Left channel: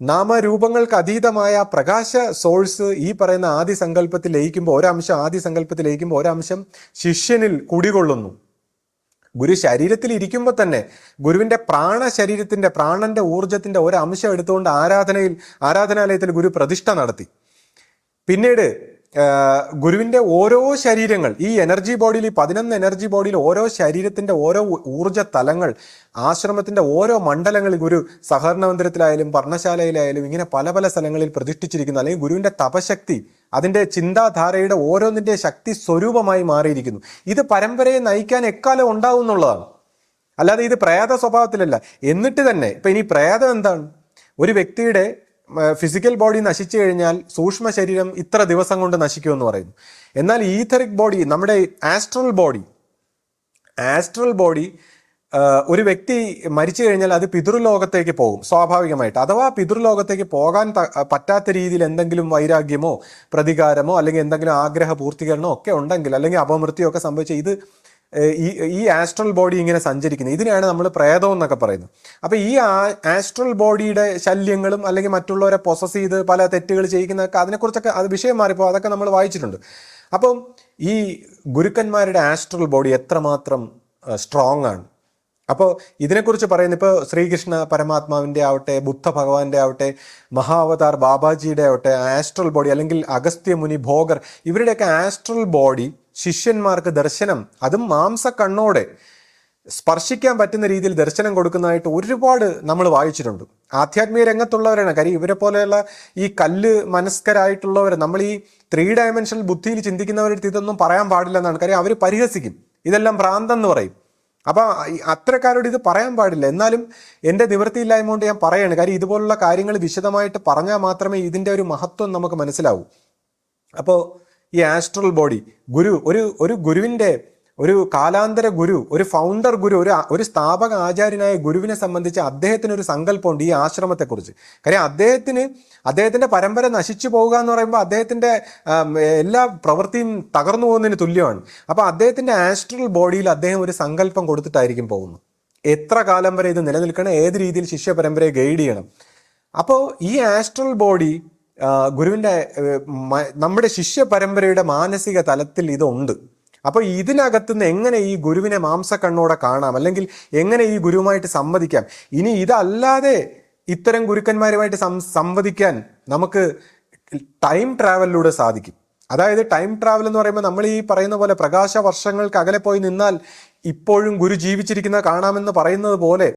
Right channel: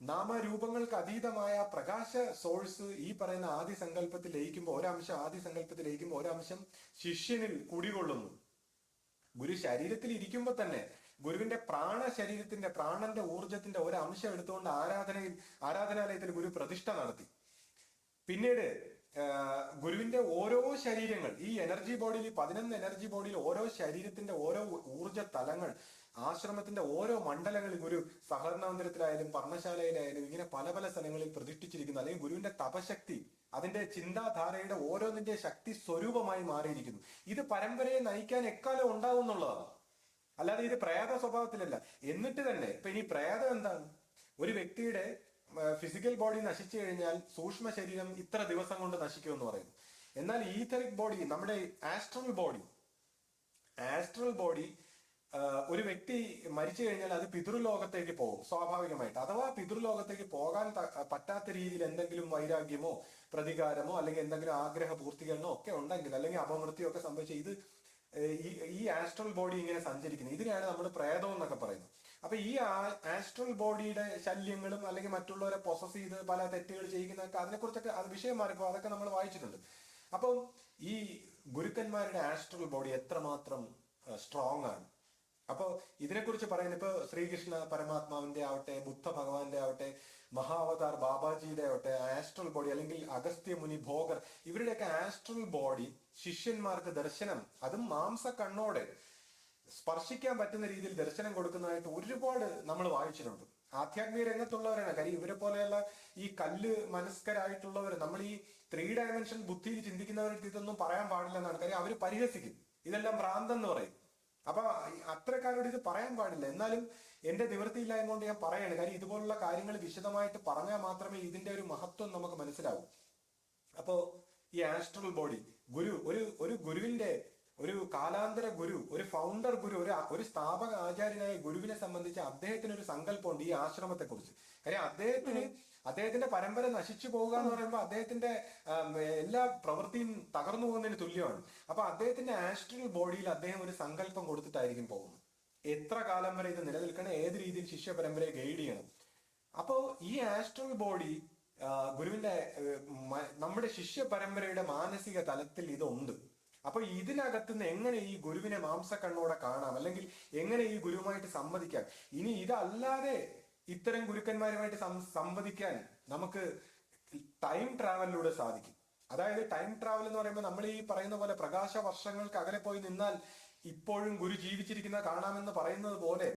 നാമരൂപങ്ങൾക്ക് അതീതമായ പ്രകാശ സോഴ്സ് ഈ പറയുന്ന ആദി സങ്കല്പത്തിൽ ലയിക്കുമ്പോൾ ഒരംശം ആദി സങ്കല്പത്തിൽ ലയിക്കുമ്പോൾ ഒരംശം ശിഷ്യനിൽ കുടികൊള്ളുന്നു. ഗുരു ശരീരത്തിൽ ഇരിക്കുമ്പോൾ തന്നെ ഗുരുവിന്റെ ശരീരത്തിന്റെ പ്രാണന്റെ ഊർജത്തിന്റെ ഒരംശം എടുത്തുകൊണ്ട് ആരാധനാലയത്തിൽ ഗുരു പ്രതിഷ്ഠ നടത്തി. പിന്നീട് ഗുരുവിന്റെ ഓരോ ശരീരങ്ങൾ, ഈ എനർജി ബോഡിയിൽ, ഈ 11 എനർജി ബോഡിയിൽ ഓരോ ശരീരത്തിന്റെ ഓരോ ഊർജ തലങ്ങൾ, ആശ്രമത്തിന്റെ ഓരോ മണ്ഡലങ്ങളിൽ ഗുരു സഹകരണ മന്ദിരത്തിലായാലും പർണശാലയിലായാലും ഇങ്ങനെ പല പല സ്ഥലങ്ങളിൽ പ്രതിഷ്ഠിച്ചിരിക്കുന്നു. അല്ലെങ്കിൽ ഗുരുവിന്റെ തപശക്തി, അതിന്റെ ചിന്താധാരയുടെ ഓരോന്നിന്റെ ശക്തി സ്വരൂപമായി മാറിയിരിക്കുന്നു. ഇത് പരമ്പരയെ നയിക്കാൻ എക്കാലം ഉണ്ടാവും എന്നുള്ളതാണ്. അല്ലാതെ ഇത് പ്രേത സ്വഭാവത്തിലല്ല. എന്നിട്ട് തന്നെ ഇപ്പൊ ഇനി പ്രേതം എന്താണ്? ഒരു വ്യക്തിയുടെ ഫിസിക്കൽ ബോഡി നശിച്ചു കഴിഞ്ഞാൽ സൂക്ഷ്മ ശരീരം ഇത്ര ദിവസം കൊണ്ട് നശിക്കുമെന്ന് പറയുന്നു. എന്നാൽ ഈഥറിക് ബോഡി, നമ്മുടെ ആസ്ട്രൽ ബോഡി ഒരു വ്യക്തി മരിച്ചു കഴിഞ്ഞാൽ അത് പിതൃലോകത്തേക്ക് പോകും സ്വാഭാവികമായിട്ട്. അഥവാ പിതൃലോകത്തേക്ക് പോകാൻ പറ്റാത്ത രീതിയിൽ എന്തെങ്കിലും വൈരാഗ്യമോ പ്രതികാരമോ അല്ലെങ്കിൽ എന്തെങ്കിലും ആഗ്രഹ പൂർത്തീകരണമോ ഒക്കെ ഉണ്ടെങ്കിൽ, അല്ലെങ്കിൽ അപമൃത്യോ ഒക്കെ സംഭവിച്ച ഇത് ഈ ആസ്ട്രൽ ബോഡി ഇങ്ങനെ സഞ്ചരിക്കുന്നത്, ഇതിനെയാണ് നമ്മൾ പ്രേതം എന്നൊക്കെ പറയുന്നത്. അപ്പൊ ഈ ആസ്ട്രൽ ബോഡിയുടെ ശല്യങ്ങളും അല്ലെങ്കിൽ മറ്റുള്ളവരെ പൊസസ് ചെയ്ത് പല തെറ്റുകൾ ചെയ്യിക്കുന്നതൊക്കെ, അതിനെക്കുറിച്ചൊക്കെ അത് വിഷയം മാറിപ്പോ അതൊക്കെ നമ്മൾ വായിച്ചിട്ടുണ്ട്. അപ്പം ഈ ഗുരുക്കന്മാരുടെ ആസ്ട്രൽ ബോഡി എത്രമാത്രം സ്ട്രോങ് ആണ്. അപ്പോൾ ഇതിനെക്കുറിച്ച് പറയുന്നത് ഇപ്പോൾ ശ്രീകൃഷ്ണ പരമാത്മാവിൻ്റെ ആവട്ടെ, ബുദ്ധ ഭഗവാന്റെ ആവട്ടെ, മഹാവതാർ ബാബാജിയുടെ ആവട്ടെ ആസ്ട്രൽ ബോഡി, അല്ലെങ്കിൽ അഗസ്ത്യ മുനി, ഭോഗർ, ഇവരുടെയൊക്കെ ആസ്ട്രൽ ബോഡി ശിഷ്യന്മാർക്ക് ദർശനം, അതും മാംസ കണ്ണോടെ സ്പർശിക്കാൻ പറ്റുന്ന രീതിയിൽ ദർശനം കൊടുക്കുന്നതായിട്ട് ഒരുപാട് നമ്മൾ വായിച്ചിട്ടുണ്ട്. ആധ്യാത്മിക രംഗത്തുള്ളവരാണ്. കാര്യം ഇവരെ പോലെയുള്ള ഈ കല്ല് മനസ്കരായിട്ടുള്ളവർ, നമ്മൾ ഈ 3 ഡയമെൻഷണൽ ബുദ്ധിയിൽ ചിന്തിക്കുന്നവരുടെ ഇതൊന്നും പറയാൻ പാടില്ല എന്നാണ്. കാര്യം അവർ പരിഹസിക്കും, ഇതെല്ലാം ഭ്രാന്തെന്ന് പറയും. അപ്പൊ അത്രക്കാരോട് ഇത് പറയാൻ പാടില്ല. എന്നാലും എൻ്റെ നിവൃത്തിയില്ലായ്മ കൊണ്ട് ഞാൻ പറയാണ്. കാര്യം ഇതുപോലുള്ള കാര്യങ്ങൾ വിശദമായിട്ട് പറഞ്ഞാൽ മാത്രമേ ഇതിൻ്റെ ഒരു മഹത്വം നമുക്ക് മനസ്സിലാവൂ. അപ്പോൾ ഈ ആസ്ട്രൽ ബോഡി ഗുരു, ഒരു ഗുരുവിൻ്റെ, ഒരു കാലാന്തര ഗുരു, ഒരു ഫൗണ്ടർ ഗുരു, ഒരു സ്ഥാപക ആചാര്യനായ ഗുരുവിനെ സംബന്ധിച്ച് അദ്ദേഹത്തിന് ഒരു സങ്കല്പമുണ്ട് ഈ ആശ്രമത്തെക്കുറിച്ച്. കാര്യം അദ്ദേഹത്തിന്റെ പരമ്പര നശിച്ചു പോവുക എന്ന് പറയുമ്പോൾ അദ്ദേഹത്തിന്റെ എല്ലാ പ്രവൃത്തിയും തകർന്നു പോകുന്നതിന് തുല്യമാണ്. അപ്പൊ അദ്ദേഹത്തിന്റെ ആസ്ട്രൽ ബോഡിയിൽ അദ്ദേഹം ഒരു സങ്കല്പം കൊടുത്തിട്ടായിരിക്കും പോകുന്നത്. എത്ര കാലം വരെ ഇത് നിലനിൽക്കണം, ഏത് രീതിയിൽ ശിഷ്യ പരമ്പരയെ ഗൈഡ് ചെയ്യണം. അപ്പോൾ ഈ ആസ്ട്രൽ ബോഡി ഗുരുവിന്റെ, നമ്മുടെ ശിഷ്യ പരമ്പരയുടെ മാനസിക തലത്തിൽ ഇതുണ്ട്. അപ്പോൾ ഇതിനകത്തുനിന്ന് എങ്ങനെ ഈ ഗുരുവിനെ മാംസക്കണ്ണോടെ കാണാം, അല്ലെങ്കിൽ എങ്ങനെ ഈ ഗുരുവുമായിട്ട് സംവദിക്കാം. ഇനി ഇതല്ലാതെ ഇത്തരം ഗുരുക്കന്മാരുമായിട്ട് സംവദിക്കാൻ നമുക്ക് ടൈം ട്രാവലിലൂടെ സാധിക്കും. അതായത് ടൈം ട്രാവൽ എന്ന് പറയുമ്പോൾ നമ്മൾ ഈ പറയുന്ന പോലെ പ്രകാശ വർഷങ്ങൾക്ക് അകലെ പോയി നിന്നാൽ ഇപ്പോഴും ഗുരു ജീവിച്ചിരിക്കുന്ന കാണാമെന്ന് പറയുന്നത് പോലെ